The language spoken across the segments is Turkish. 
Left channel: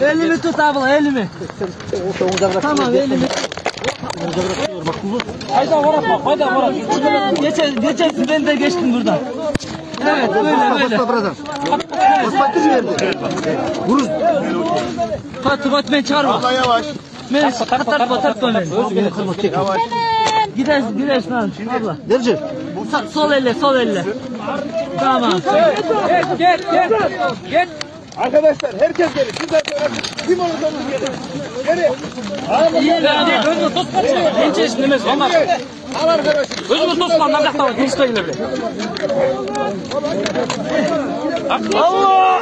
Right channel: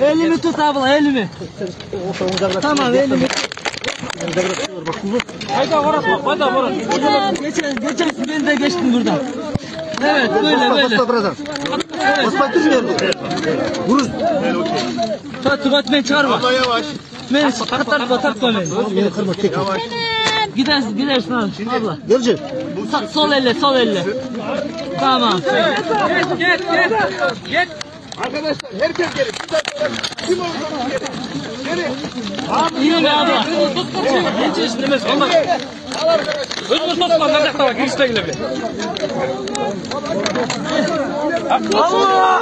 Elimi tut abla, elimi. Tamam, elimi. Hayda var. Geçen ben de geçtim buradan. Evet, böyle. Pat beni çağırma. Beni tartma beni. Beni kırma tek. Gidersin abla. Geleceğim. Sol elle. Tamam. Gel. Arkadaşlar herkes gelin. Kim olduğunu gelin. İyi abi. Genç istemez. Ama. Al arkadaşlar. Özümüz dostlar mandakta var. Girişte yine bile. Allah!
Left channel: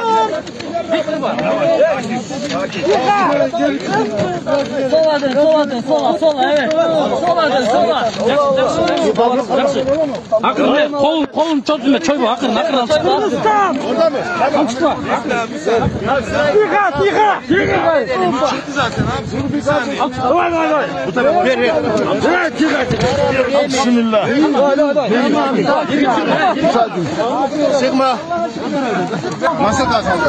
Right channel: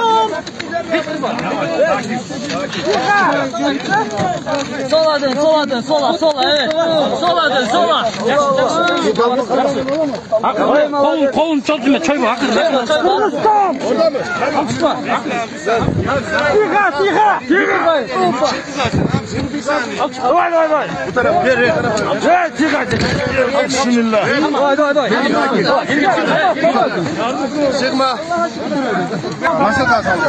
Sola dön, evet. Sola. Hakikaten kolun çözüme çay bu. Hakikaten. Kırgızistan! Tiha! Bismillah. Masa da saldı.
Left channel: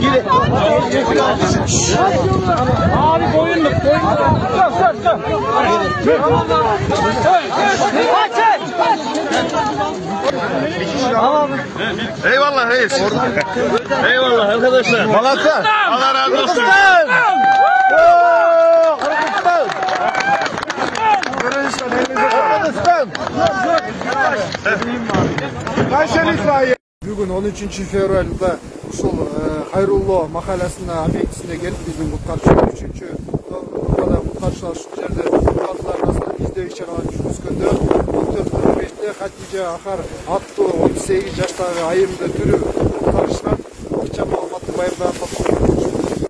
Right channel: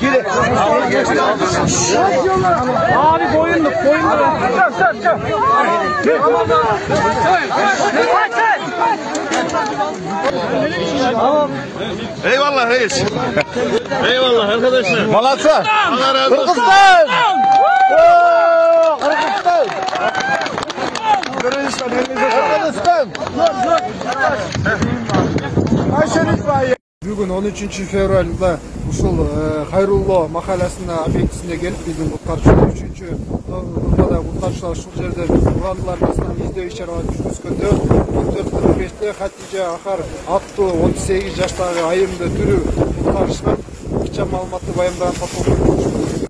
Geri. Abi boyunluk. Çök. Eyvallah reis. Eyvallah arkadaşlar. Malatya. Allah razı olsun. Kırgızistan. Kırgızistan. Kayserilik var. Бүгін 13 февральда ушул Хайрулло махаласына объектисине келип биздин куткарчылар 3-нумбада куткарчылар ушул жерде кургандыларыбызды издөө иш-чараларын жүргүзгөндө 14:45-те Хатижа Ахар аттуу 18 жаштагы айымды тирүү куткарышкан. Кыча маалыматты баяндаган